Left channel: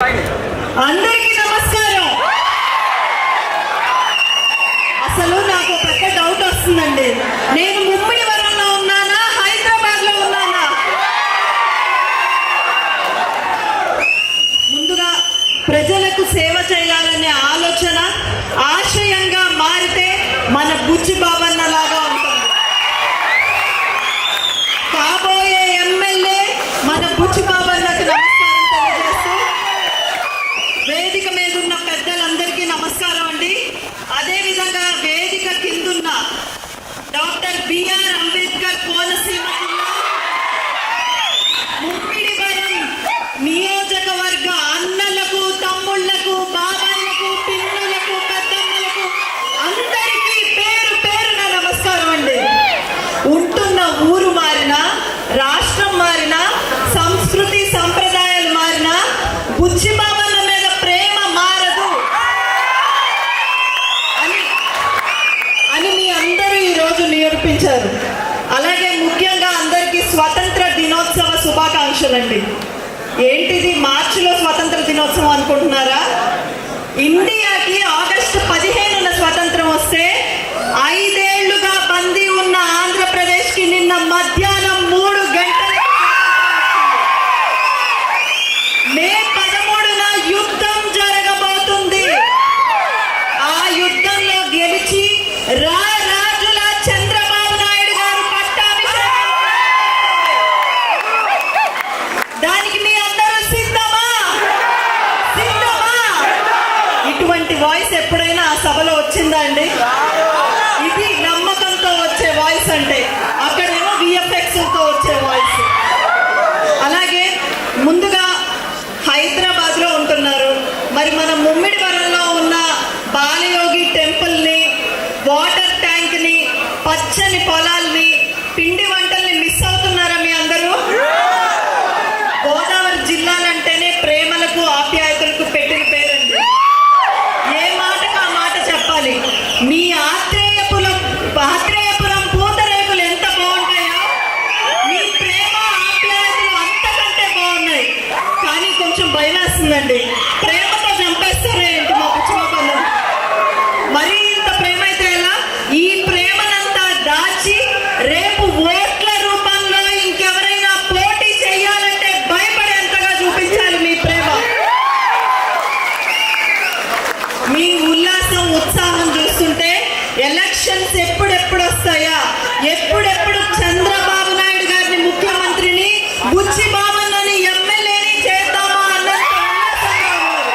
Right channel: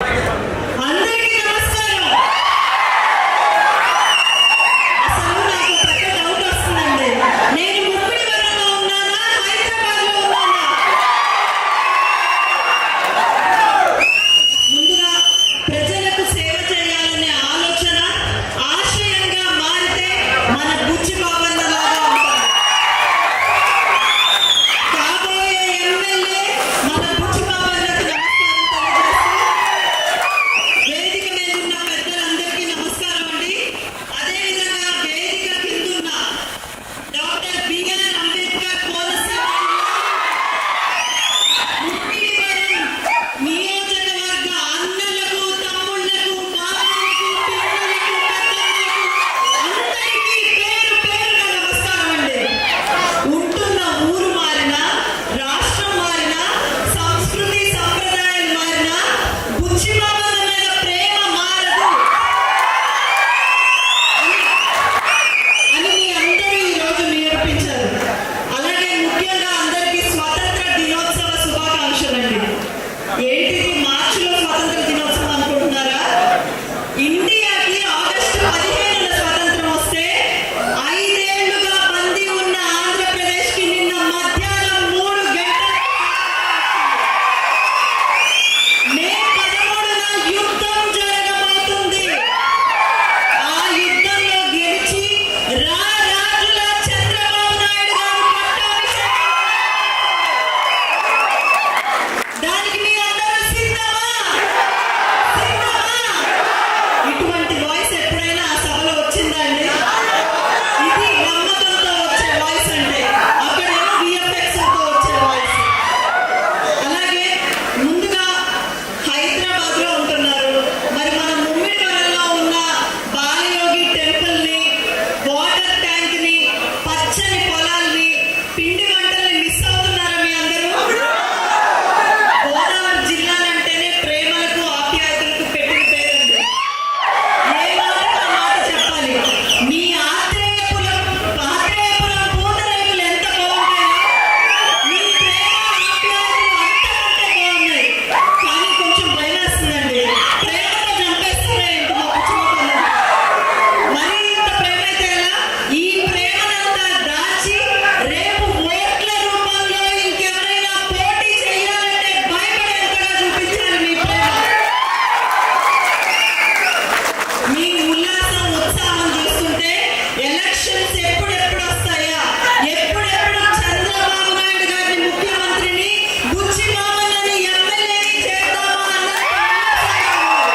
అందరికీ నమస్కారం. అసలు నాకు పెద్ద డౌట్ వస్తుందండి. నేను ముమ్మడి వరంలో ఉన్నానా, హైదరాబాద్ లో ఉన్నానా? ముందుగా ప్రజలకు సేవ చేయాలనే ఆలోచన ఆశయంగా మారితే మన బుచ్చి బాబన్న లాగా ఉంటుంది. కాబోయే ఎమ్మెల్యే మన బుచ్చి బాబన్నకు నమస్కారం తెలియజేస్తూ, వేదిక మీద ఉన్న పెద్దలందరికీ నమస్కారం అండి. అదేవిధంగా వేదిక కిందున్న డాక్టర్ బిఆర్ అంబేద్కర్ కోనసీమ ముమ్మిడివరం నియోజకవర్గ అన్నలకు, తమ్ముళ్లకు, బాబాయ్లకు, పిల్లలకు, పెద్దమ్మలకు అందరికీ పేరు పేరున నమస్కారం అండి. ఉంటున్న ఊరు మారినా, రాష్ట్రం మారినా, సంస్కృతి సంప్రదాయాలు మారినా బుచ్చి బాబన్న మీద ప్రేమ మారదు అని మీ అందరూ ఈ రోజు నిరూపించారు. అలాగే ముఖ్యంగా అందరికీ స్వతంత్ర దినోత్సవ శుభాకాంక్షలండి. ఏంటిది మార్చిలో స్వతంత్ర దినోత్సవం అనుకుంటున్నారా? ఇండియాకి ఆగస్టు 15న స్వతంత్రం వస్తే 5 ఏళ్లుగా బందీ ఉన్న ఆంధ్రప్రదేశ్ కి నిన్న మధ్యాహ్నం 3 గంటలకు మే 13న యుద్ధం జరగబోతుంది. ఆ యుద్ధంలో గెలిచి రాజుల చంద్రబాబు నాయుడు గారు పట్టాభిషేకం. దానికి మీ అందరూ సిద్ధమా? ఇటువంటి వాయిస్ ఎప్పుడైనా ఆ సభలో వచ్చిందా అండి? ఇది నమ్మకంతో వచ్చే వాయిస్ అంటే, అక్కడేమో విఎఫ్ఎక్స్ తో వచ్చే వాయిస్. అలాగే ముందుగా హైదరాబాద్ లో ఉంటున్నారు. మరి మన ముమ్మిడి వరంలో ఉన్న బాలయోగి టెంపుల్ ని, వాటర్ ట్యాంక్ ని, పచ్చని పొలాల్ని, పిండి వంటల్ని మిస్ అవుతున్నారా మీ అందరూ? గోదావరి జిల్లాలంటేనే ప్రేమలకు, ఆప్యాయతలకు పెట్టిన పేరండి. ఏ మాటకు ఆ మాట చెప్పాలి. మీ ఆత్రేయపురం పూతరేకులు ఎంత బాగుంటాయో, మీ ప్రేమ ఆప్యాయతలు అంతకంటే బాగున్నాయి. కానీ కొంచెం భయం వేస్తుందండి. ప్రేమతో చంపేస్తారే ఏంటి మా పుచ్చిపోతుంది? మరి ఇంత ప్రేమ అయితే ఎలా? ఈ ప్రేమనంతా దాచి రేపు ఓట్ల రూపంలో ఇంకెవరైనా పోటీ చేయాలంటే భయపడేంతగా చూపించాలి మీ ప్రేమ. మీ ఉల్లాసం, ఉత్సాహం చూస్తుంటే ఎలక్షన్స్ ఎప్పుడెప్పుడు వస్తాయా, ఎప్పుడెప్పుడు చంద్రబాబు నాయుడు గారిని ముఖ్యమంత్రిని, బుచ్చి బాబన్నని ఎమ్మెల్యేని చేద్దామా అన్నంత ఉల్లాసంగా ఉన్నారు.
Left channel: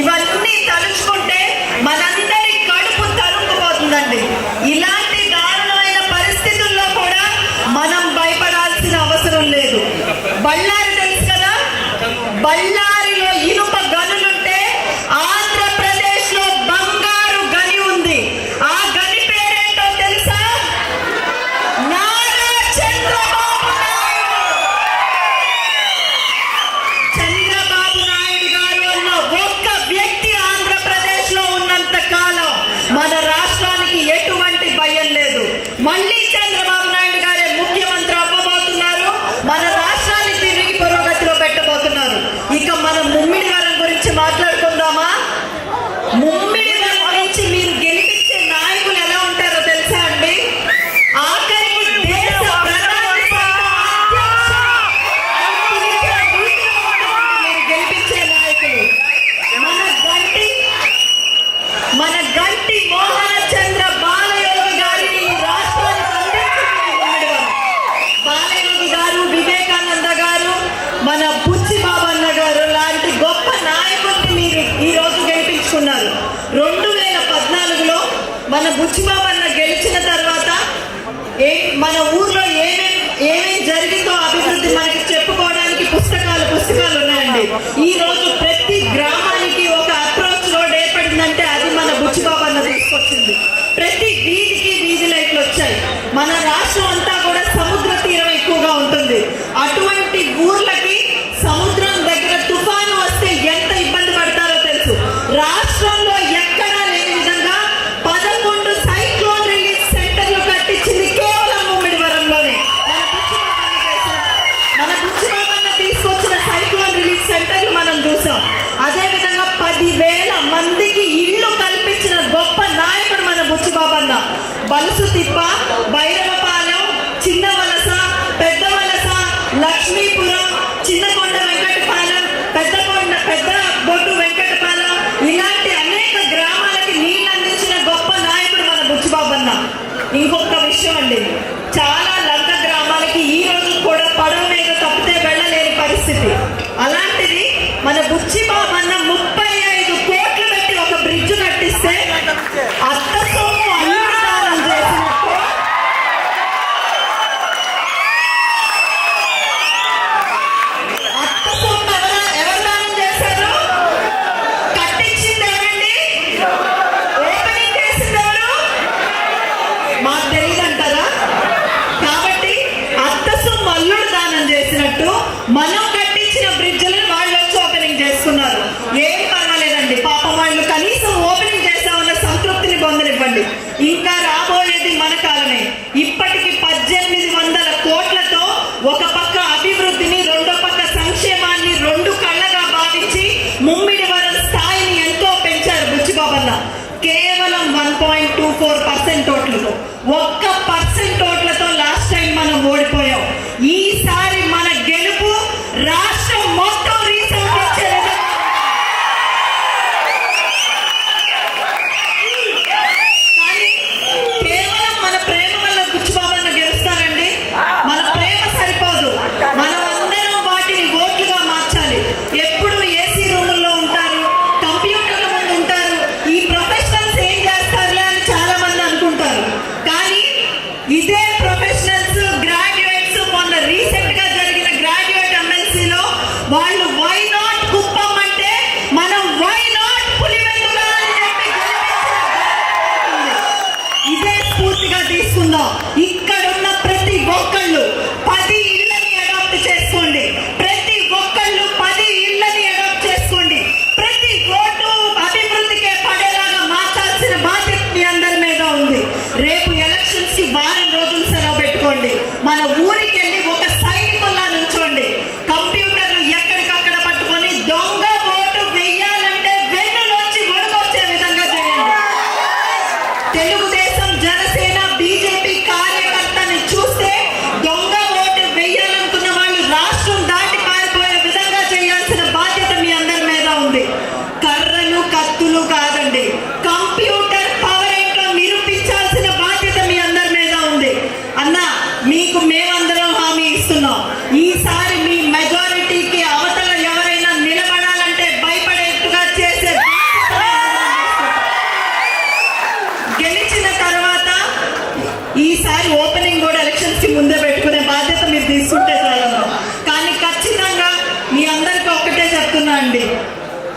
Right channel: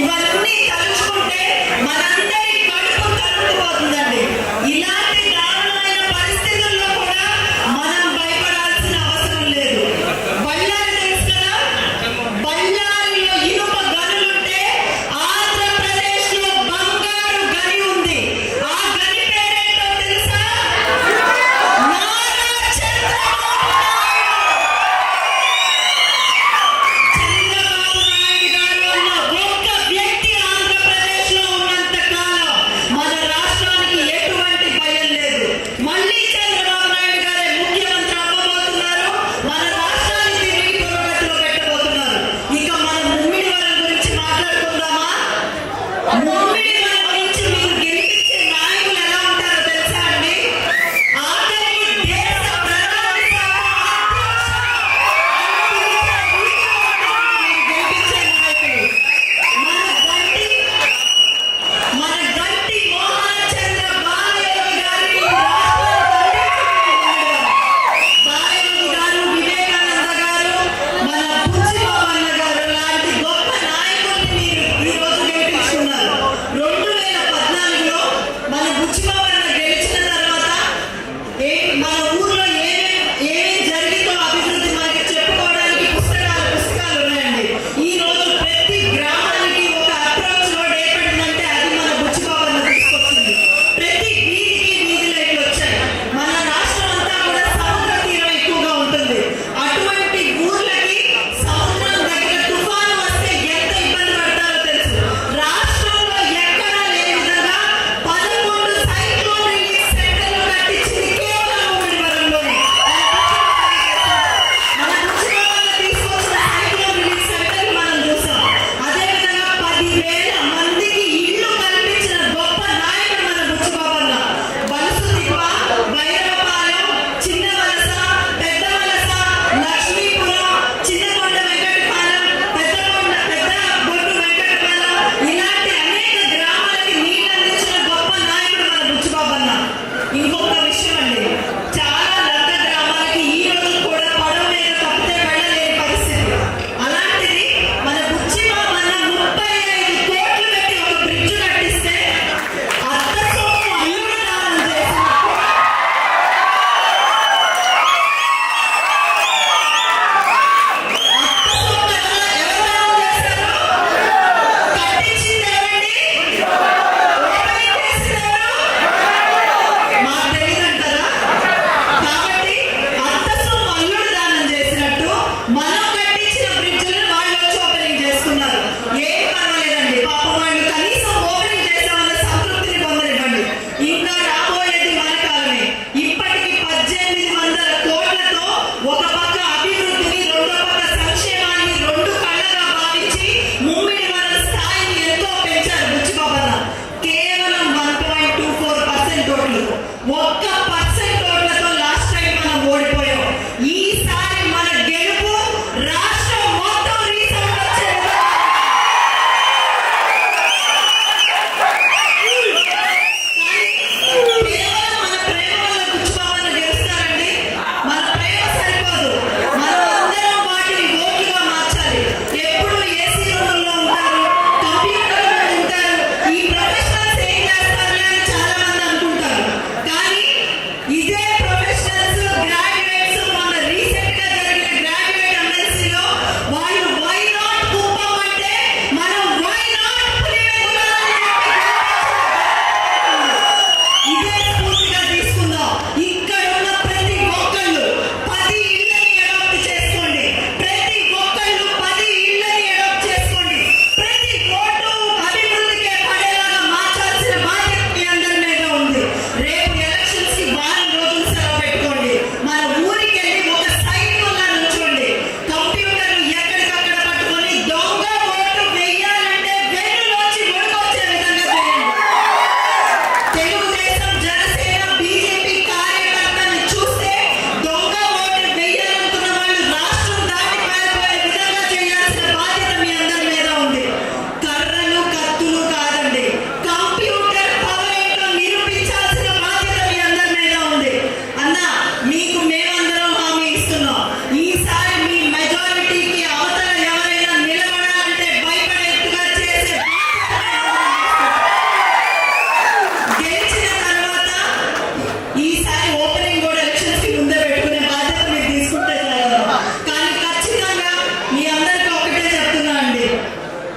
ఇవన్నీ తలుచుకుంటే మనందరి కడుపు తరుక్కుపోతుందండి. ఇలాంటి దారుణమైన పరిస్థితుల్లో కూడా మనం భయపడాల్సిన అవసరం లేదు. బళ్ళారి తెలుసు కదా, బళ్ళారిలో ఇనుప గనులుంటే ఆంధ్రప్రదేశ్ లో బంగారు గని ఉంది. ఆ గని పేరేంటో తెలుసా? నారా చంద్రబాబు నాయుడు గారు అన్న ఒక్క వ్యక్తి ఆంధ్రప్రదేశ్ లో ఉన్నంత కాలం మన రాష్ట్రానికి ఎటువంటి భయం లేదు. మళ్ళీ చంద్రబాబు నాయుడు గారే ముఖ్యమంత్రి అవ్వబోతున్నారు. మన రాష్ట్రాన్ని తిరిగి పురోగతిలో పెట్టబోతున్నారు. ఇక మనం ముమ్మిడివరం గురించి మాట్లాడుకుందామా? ముమ్మిడివరం గురించి మీరు గెలిపించే నాయకులు ఎలా ఉంటారో తెలుసా అండి? ఆఖరికి దేశ ప్రధాని మీరు గెలిపించే నాయకులు మన గంటి మోహన చంద్ర బాలయోగి గారిని ఈ రాష్ట్రానికి అందించిన బాలయోగి గారు, వివేకానంద గారు, మన బుచ్చిబాబన్న గారు లాంటి గొప్ప నాయకుల్ని మీరు ఈ రోజు గెలిపించుకున్నారు. 2014లో మన బుచ్చిబాబన్న గెలిచిన తర్వాత మన ఊర్లో ఏమేం జరిగిందో అభివృద్ధి మనకి చెప్పుకోవడానికి పుస్తకాలు ఉన్నాయండి. ఈ రోజు ప్రతి గ్రామానికి ఒక అప్రోచ్ రోడ్ ఏర్పడిందంటే అది మన బుచ్చిబాబన్న తీసుకొచ్చింది. ప్రతి వీధికి వీధి లైట్లు వచ్చాయి. మన రాష్ట్రం అంతా కూడా సముద్ర తీరం ఎక్కువగా ఉంటుంది. అటువంటి ఊర్లకి సముద్రం దగ్గర తుఫాను వస్తే ఎంత ఇబ్బంది పడతారో తెలుసు. రాష్ట్రంలో ఎక్కడా లేని విధంగా 11 సైక్లోన్ రిలీఫ్ సెంటర్లు కట్టించింది కేవలం ముమ్మిడివరంలోనే. మన బుచ్చిబాబన్న తీసుకొచ్చిన సైక్లోన్ రిలీఫ్ సెంటర్లు మనం చూసాం. అదేవిధంగా 10,000 మందికి ఇల్లు కల్పించిన గొప్ప నాయకుడు మన బుచ్చిబాబన్న. బలుసు తిప్ప, భైరవపాలెం, చిన్న వలస, పెద్ద వలస, లక్ష్మీపురం, చిన్నకొండ వెంకటపాలెం, పెద్ద బొడ్డు వెంకటపాలెం ఇలాంటి అనేక గ్రామాలకి నీళ్ళు అందించిన గొప్ప నాయకుడు మన బుచ్చిబాబన్న. ఇంకొక విషయం అండి, చాలా లంక గ్రామాలకి ఈ రోజు కూడా పడవ మీద తప్పితే వెళ్ళలేని పరిస్థితి. అలాంటిది మన బుచ్చిబాబన్న 35 కోట్లు పెట్టి ఒక బ్రిడ్జ్ కట్టిస్తే అత్త సొమ్ము అల్లుడు దానం చేసినట్టు అత్త సొమ్ము ఎవరు దానం చేశారు? కట్టించింది ఎవరండి? ఓపెనింగ్ చేసింది ఎవరు? మాకు తెలియదంటారా? కాబట్టి అత్త సొమ్ము అల్లుడు దానం చేసినట్టు మనం కట్టించిన బ్రిడ్జ్లను వాళ్ళు వచ్చి ఓపెనింగ్ చేసుకున్నారు.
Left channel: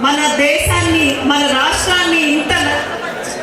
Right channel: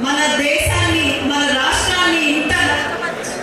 మన దేశాన్ని మన రాష్ట్రాన్ని ఇంత నష్టపరిచి